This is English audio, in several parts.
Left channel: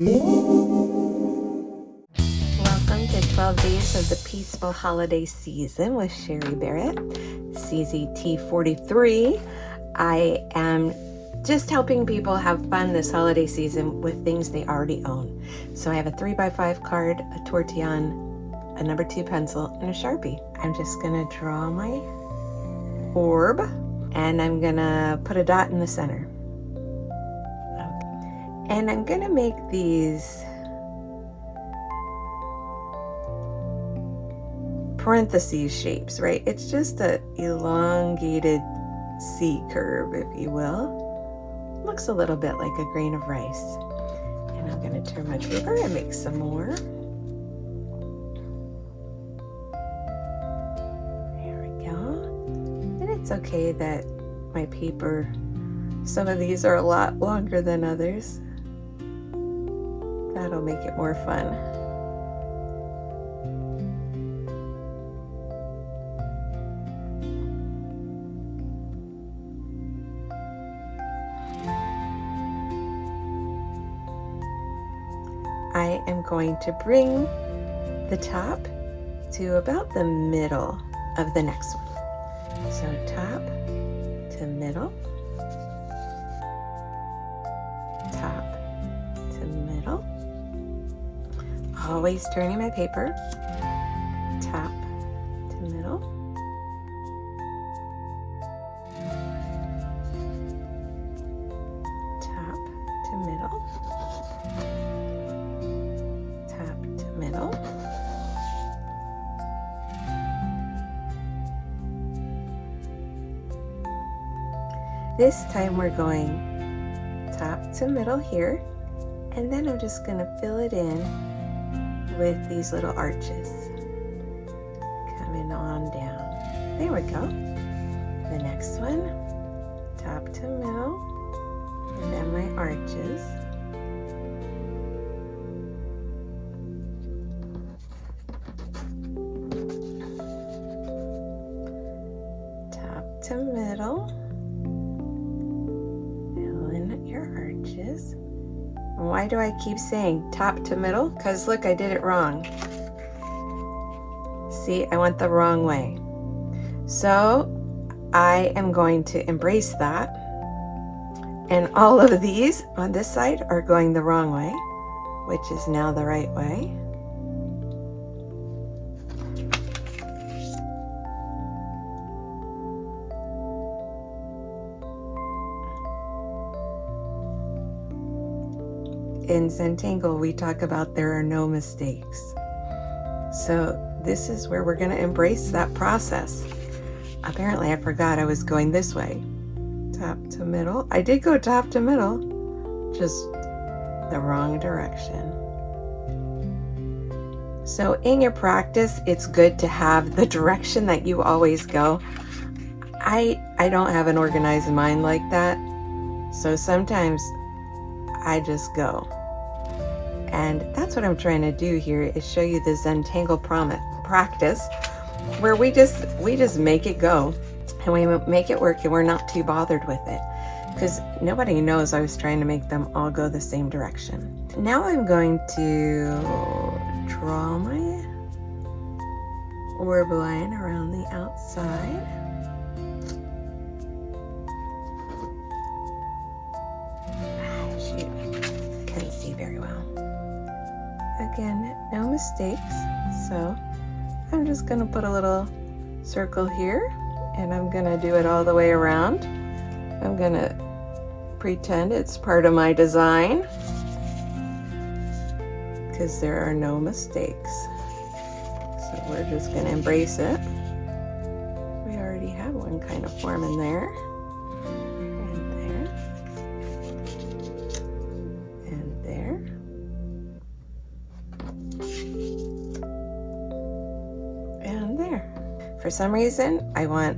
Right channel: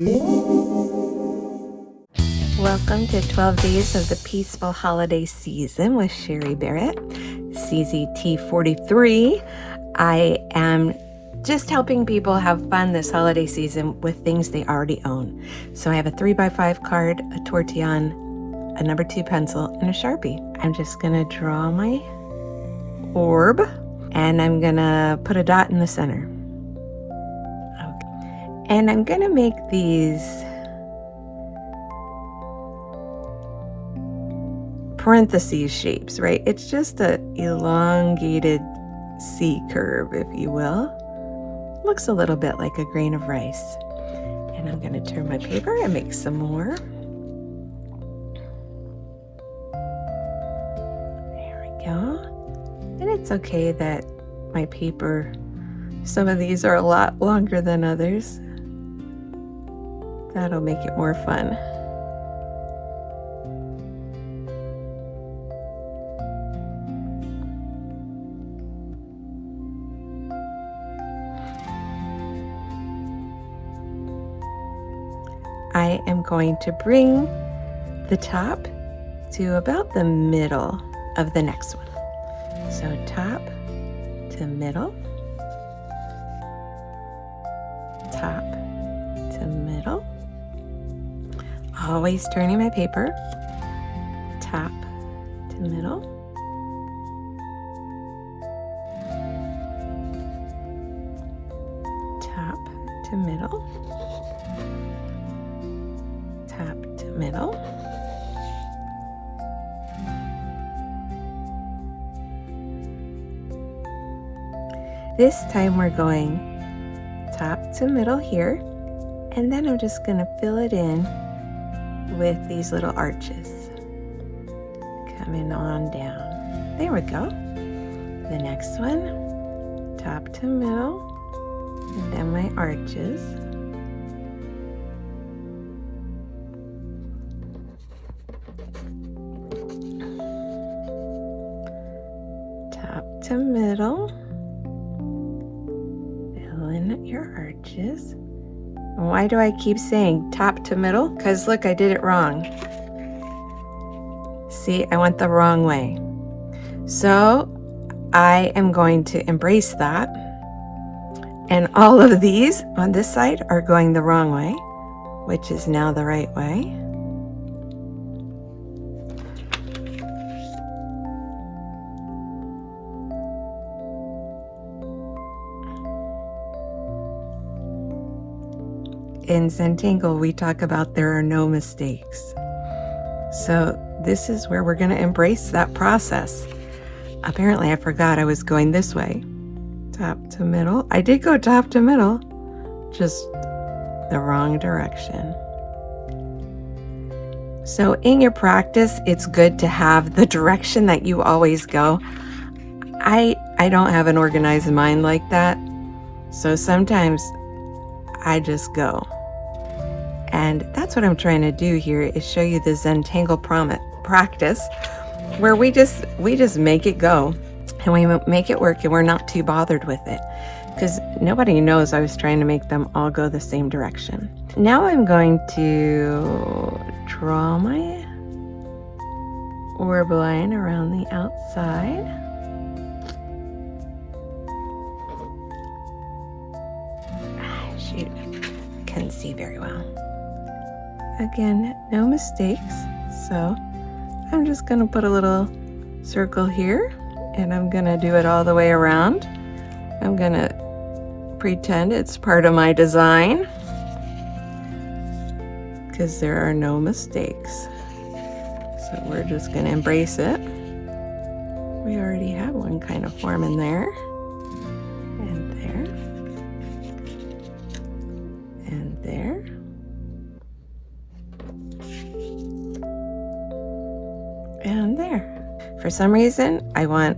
Welcome to 12 Days of the Peaceful Holiday Season with Sherry Barrett, CZT 43. I am just helping people have fun this holiday season with things they already own. So I have a 3x5 card, a tortillon, a number 2 pencil, and a Sharpie. I'm just gonna draw my orb, and I'm gonna put a dot in the center. Okay. And I'm gonna make these parentheses shapes, right? It's just a elongated C curve, if you will. Looks a little bit like a grain of rice. And I'm going to turn my paper and make some more. There we go. And it's okay that my paper, some of these are a lot longer than others. That'll make it more fun. I am going to bring the top to about the middle of the next one. So top to middle, top to middle, always turning my paper, top to middle, top to middle, middle, this time we're going top to middle here, and then I'm just going to fill it in with these little arches coming on down. There we go. The next one, top to middle, and then my arches. To middle, fill in your arches. Why do I keep saying top to middle? Because look, I did it wrong. See, I went the wrong way. So I am going to embrace that. And all of these on this side are going the wrong way, which is now the right way. In Zentangle, we talk about there are no mistakes. So this is where we're going to embrace that process. Apparently, I forgot I was going this way. Top to middle. I did go top to middle, just the wrong direction. So in your practice, it's good to have the direction that you always go. I don't have an organized mind like that. So sometimes I just go. And that's what I'm trying to do here, is show you the Zentangle practice where we just make it go and we make it work, and we're not too bothered with it because nobody knows I was trying to make them all go the same direction. Now I'm going to draw my orb line around the outside. See very well. Again, no mistakes, so I'm just going to put a little circle here, and I'm going to do it all the way around. I'm going to pretend it's part of my design because there are no mistakes. So we're just going to embrace it. We already have one kind of form in there. And there. For some reason, I want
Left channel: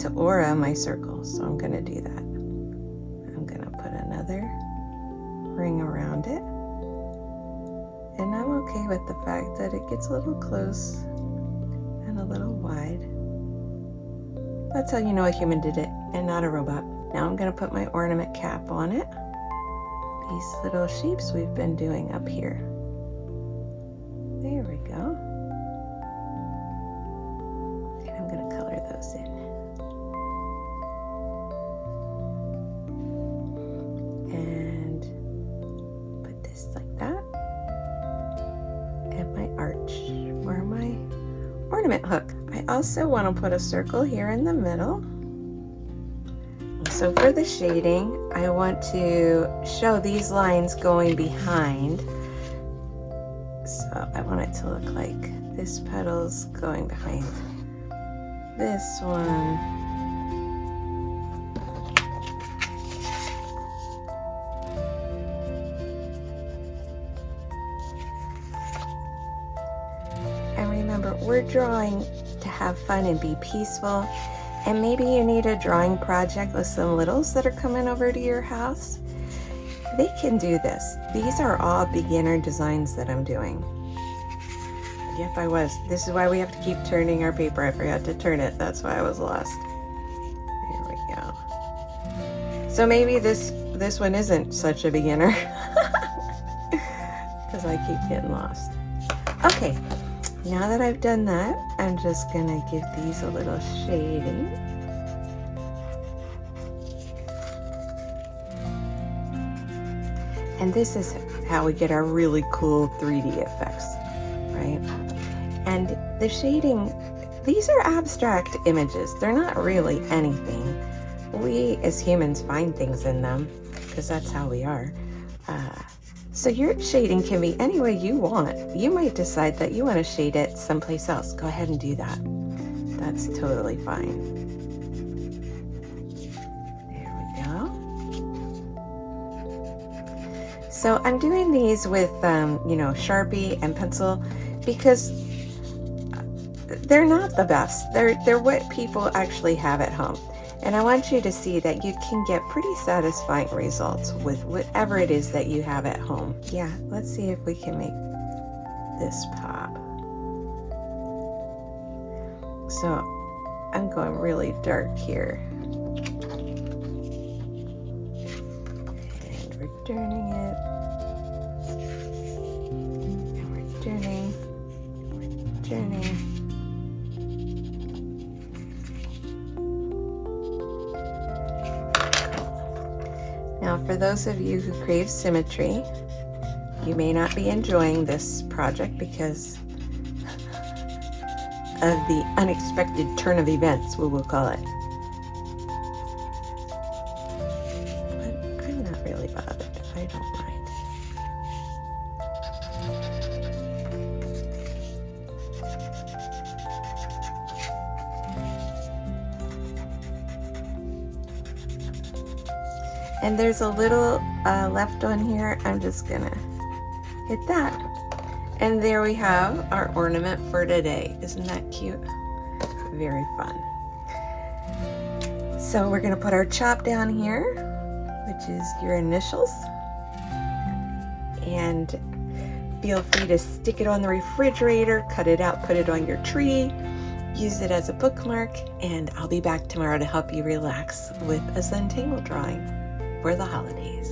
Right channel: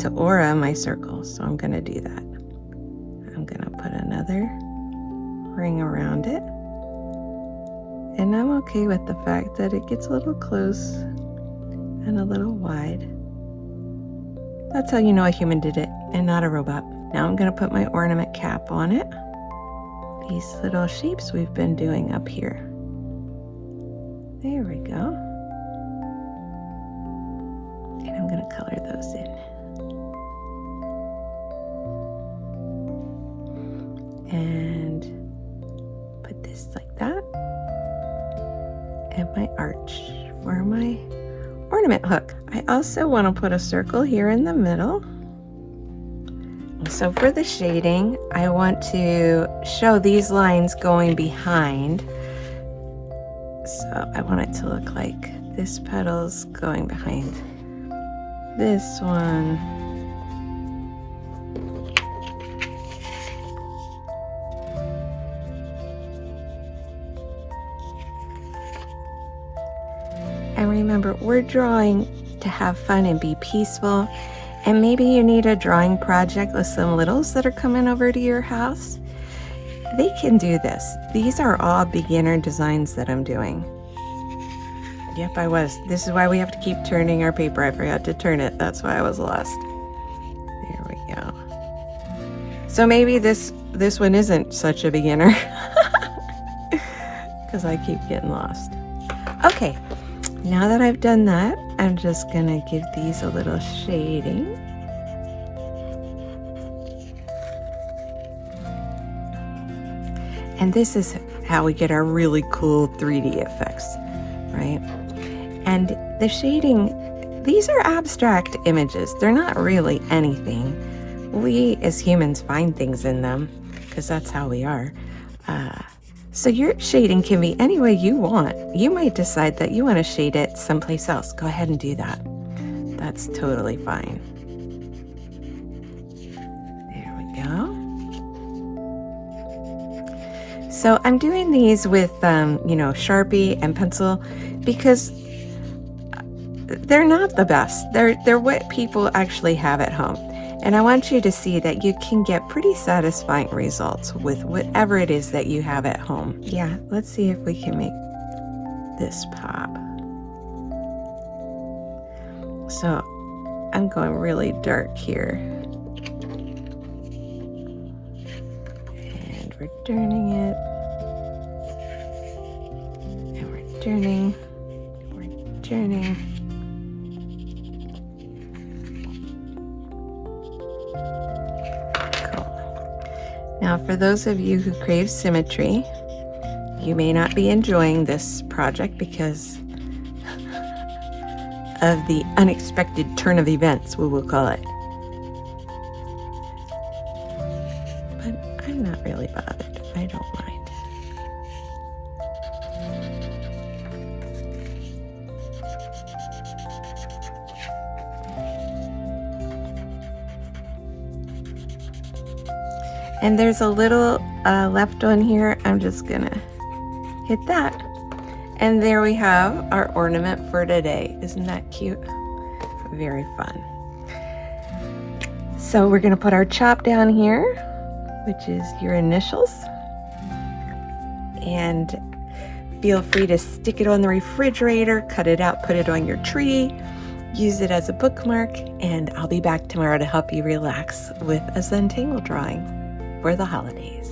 to aura my circles, so I'm going to do that. I'm going to put another ring around it. And I'm okay with the fact that it gets a little close and a little wide. That's how you know a human did it and not a robot. Now I'm going to put my ornament cap on it. these little shapes we've been doing up here. There we go. And I'm going to color those in. And put this like that. And my arch for my ornament hook. I also want to put a circle here in the middle. So for the shading, I want to show these lines going behind. So I want it to look like this petal's going behind this one. And remember, we're drawing to have fun and be peaceful. And maybe you need a drawing project with some littles that are coming over to your house. They can do this. These are all beginner designs that I'm doing. Yep, I was. This is why we have to keep turning our paper. I forgot to turn it. That's why I was lost. There we go. So maybe this one isn't such a beginner. Because I keep getting lost. Okay. Now that I've done that, I'm just going to give these a little shading. And this is how we get our really cool 3D effects, right? And the shading, these are abstract images. They're not really anything. We as humans find things in them because that's how we are. So your shading can be any way you want. You might decide that you want to shade it someplace else. Go ahead and do that. That's totally fine. There we go. So I'm doing these with, Sharpie and pencil because they're not the best. They're what people actually have at home. And I want you to see that you can get pretty satisfying results with whatever it is that you have at home. Yeah, let's see if we can make this pop. So I'm going really dark here. And we're turning it. And we're turning. We're turning. Now, for those of you who crave symmetry, you may not be enjoying this project because of the unexpected turn of events, we will call it. But I'm not really bothered. I don't mind. And there's a little left one here. I'm just gonna hit that. And there we have our ornament for today. Isn't that cute? Very fun. So we're gonna put our chop down here, which is your initials. And feel free to stick it on the refrigerator, cut it out, put it on your tree, use it as a bookmark, and I'll be back tomorrow to help you relax with a Zentangle drawing for the holidays.